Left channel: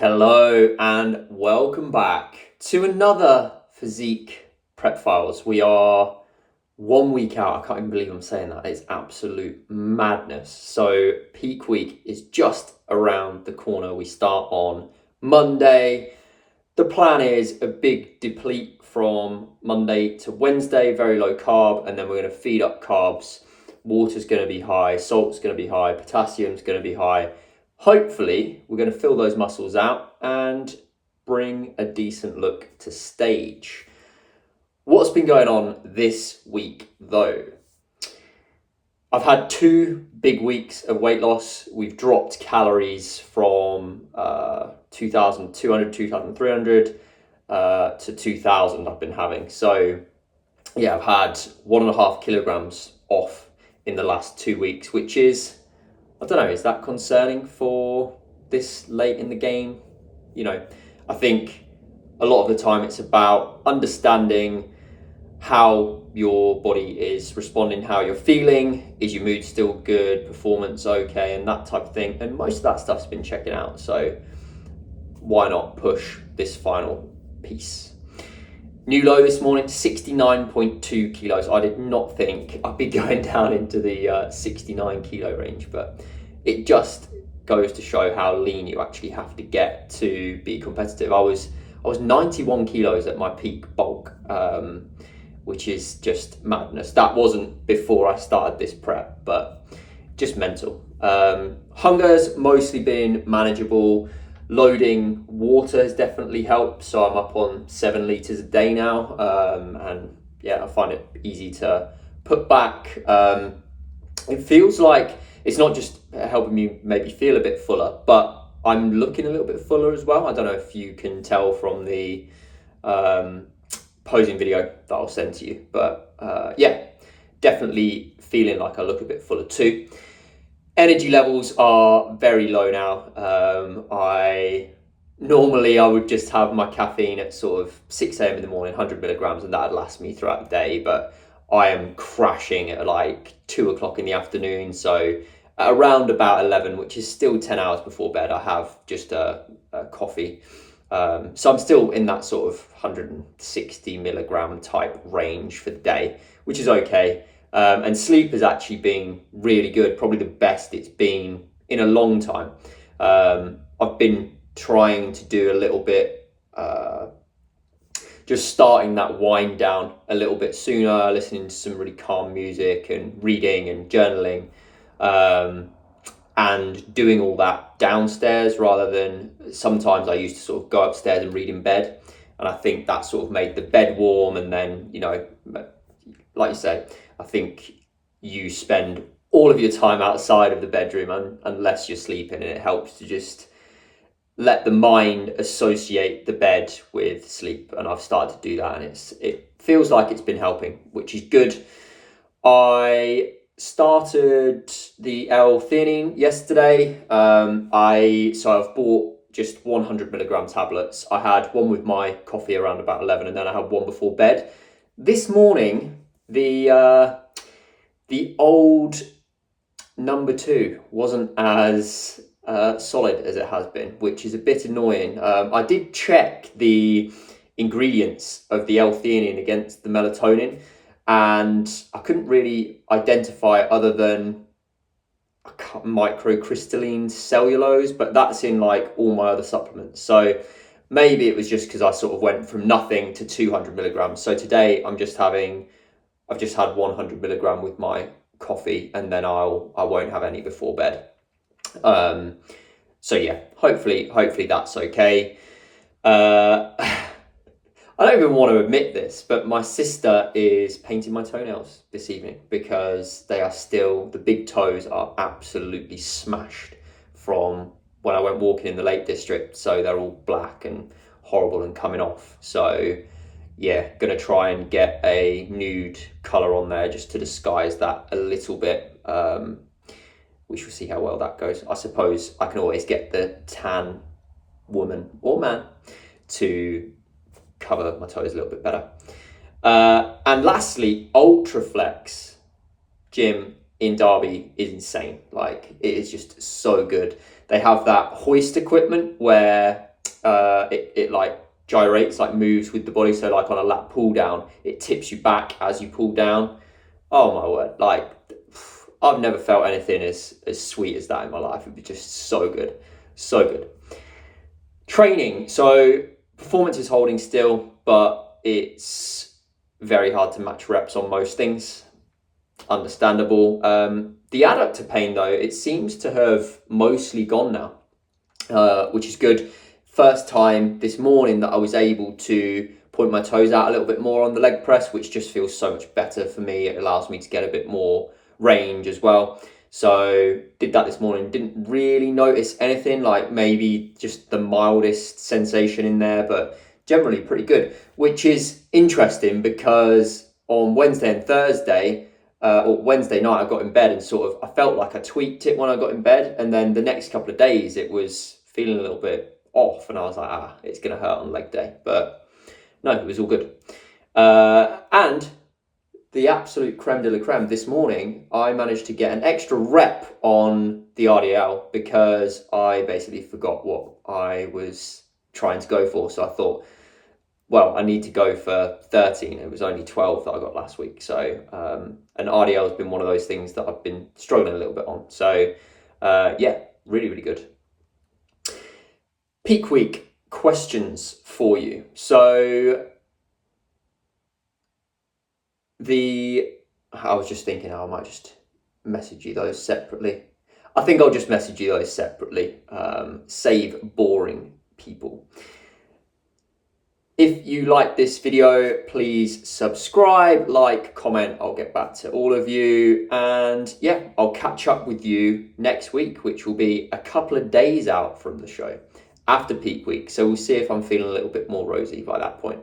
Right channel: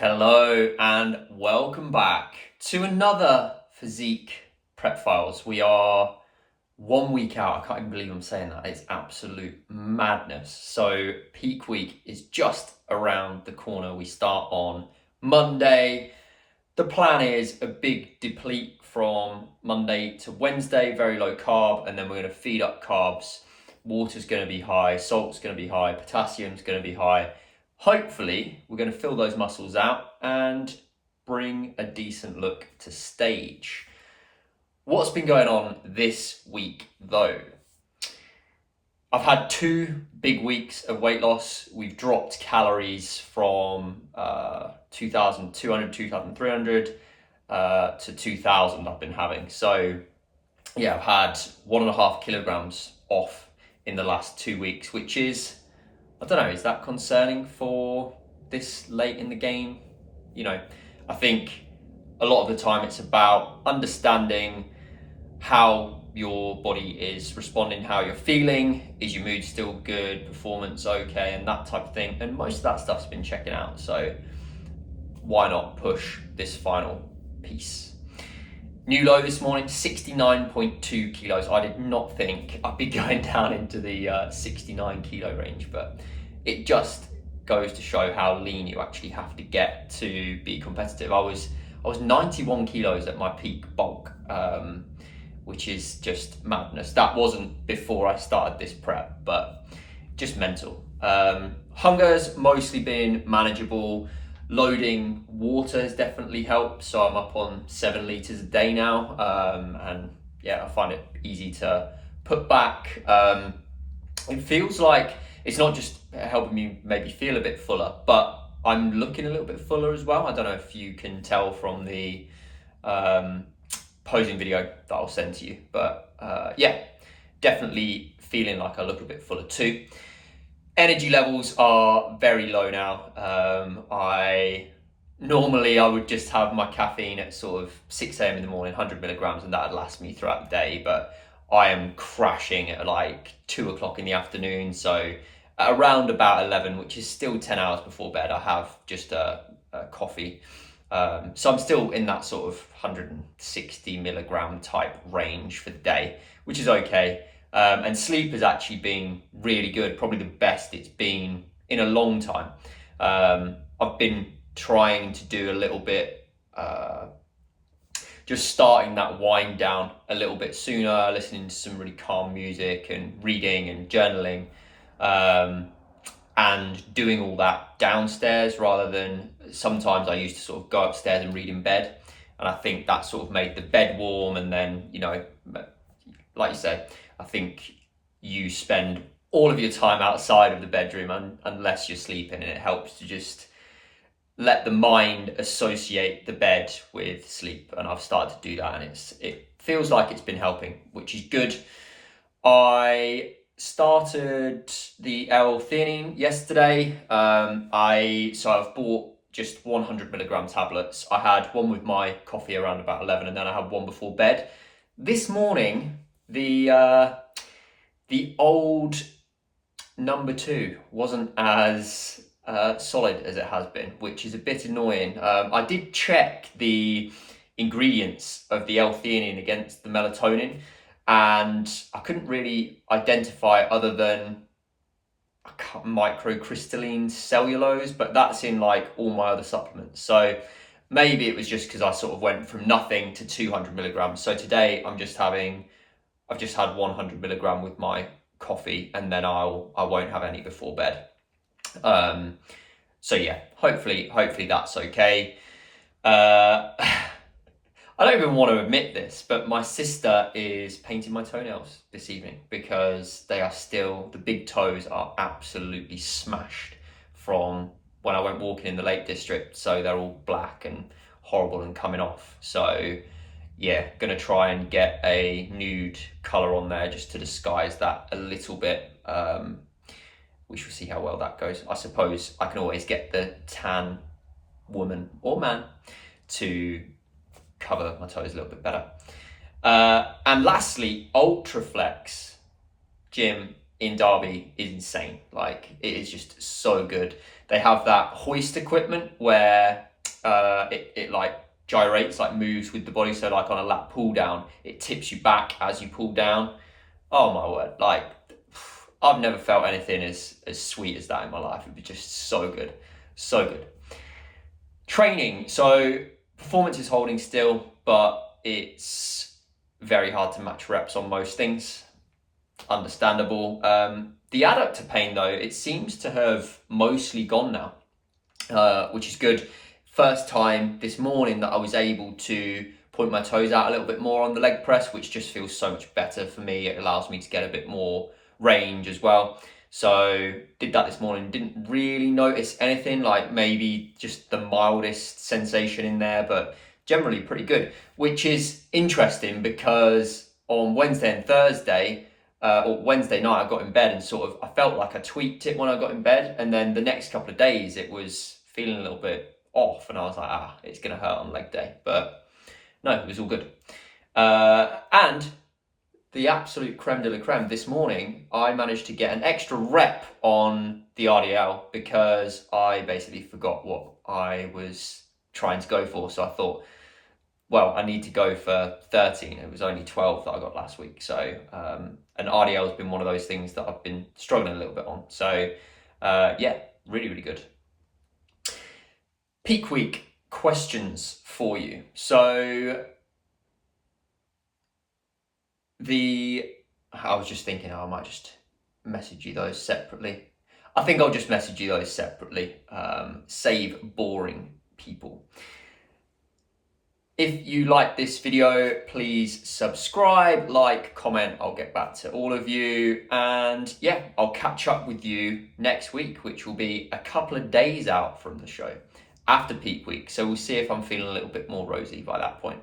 Hello and welcome back to another Physique Prep Files. We are 1 week out. I can't even believe I'm saying that. It's absolute madness. So peak week is just around the corner. We start on Monday. The plan is a big deplete from Monday to Wednesday, very low carb, and then we're going to feed up carbs. Water's going to be high, salt's going to be high, potassium's going to be high. Hopefully, we're going to fill those muscles out and bring a decent look to stage. What's been going on this week, though? I've had 2 big weeks of weight loss. We've dropped calories from 2,200, 2,300 to 2,000 I've been having. So, yeah, I've had 1.5 kilograms off in the last 2 weeks, which is, I don't know, is that concerning for this late in the game? I think a lot of the time it's about understanding how your body is responding, how you're feeling, is your mood still good, performance okay, and that type of thing. And most of that stuff's been checking out. So why not push this final piece? New low this morning, 69.2 kilos. I did not think I'd be going down into the 69 kilo range, but it just goes to show how lean you actually have to get to be competitive. I was 91 kilos at my peak bulk, which is just madness. That wasn't before I started this prep, but just mental. Hunger's mostly been manageable. Loading water has definitely helped, so I'm up on 7 liters a day now, and yeah, I find it easy to put back. It feels like it's not just helping me maybe feel a bit fuller, but I'm looking a little bit fuller as well. I don't know if you can tell from the posing video that I'll send to you, but yeah, definitely feeling like I look a bit fuller too. Energy levels are very low now. I would just have my caffeine at sort of 6 a.m. in the morning, 100 milligrams, and that'd last me throughout the day. But I am crashing at like 2 o'clock in the afternoon. So at around about 11, which is still 10 hours before bed, I have just a coffee. So I'm still in that sort of 160 milligram type range for the day, which is okay. And sleep has actually been really good, probably the best it's been in a long time. I've been trying to do a little bit, just starting that wind down a little bit sooner, listening to some really calm music and reading and journaling, and doing all that downstairs rather than sometimes I used to sort of go upstairs and read in bed. And I think that sort of made the bed warm, and then, like you said, I think you spend all of your time outside of the bedroom unless you're sleeping, and it helps to just let the mind associate the bed with sleep. And I've started to do that, and it feels like it's been helping, which is good. I started the L-theanine yesterday. I've bought just 100 milligram tablets. I had one with my coffee around about 11, and then I had one before bed. This morning, the old number 2 wasn't as solid as it has been, which is a bit annoying. I did check the ingredients of the L-theanine against the melatonin, and I couldn't really identify other than microcrystalline cellulose, but that's in like all my other supplements. So maybe it was just because I sort of went from nothing to 200 milligrams. So today I've just had 100 milligram with my coffee, and then I won't have any before bed. So yeah, hopefully that's okay. I don't even want to admit this, but my sister is painting my toenails this evening because the big toes are absolutely smashed from when I went walking in the Lake District. So they're all black and horrible and coming off. So yeah, gonna try and get a nude color on there just to disguise that a little bit. We shall see how well that goes. I suppose I can always get the tan woman or man to cover my toes a little bit better. And lastly, Ultraflex gym in Derby is insane. Like, it is just so good. They have that hoist equipment where it like gyrates, like moves with the body. So like on a lat pull down, it tips you back as you pull down. Oh my word, like I've never felt anything as sweet as that in my life. It'd be just so good, so good. Training, so performance is holding still, but it's very hard to match reps on most things. Understandable. The adductor pain though, it seems to have mostly gone now, which is good. First time this morning that I was able to point my toes out a little bit more on the leg press, which just feels so much better for me. It allows me to get a bit more range as well. So did that this morning, didn't really notice anything, like maybe just the mildest sensation in there, but generally pretty good, which is interesting because on Wednesday and Thursday, or Wednesday night, I got in bed and sort of, I felt like I tweaked it when I got in bed. And then the next couple of days, it was feeling a little bit off. And I was like, it's going to hurt on leg day. But no, it was all good. And the absolute creme de la creme, this morning, I managed to get an extra rep on the RDL because I basically forgot what I was trying to go for. So I thought, well, I need to go for 13. It was only 12 that I got last week. So, and RDL has been one of those things that I've been struggling a little bit on. So, yeah, really, really good. Peak week questions for you. So, I was just thinking, I might just message you those separately. I think I'll just message you those separately. Save boring people. If you like this video, please subscribe, like, comment. I'll get back to all of you. And yeah, I'll catch up with you next week, which will be a couple of days out from the show after peak week. So we'll see if I'm feeling a little bit more rosy by that point.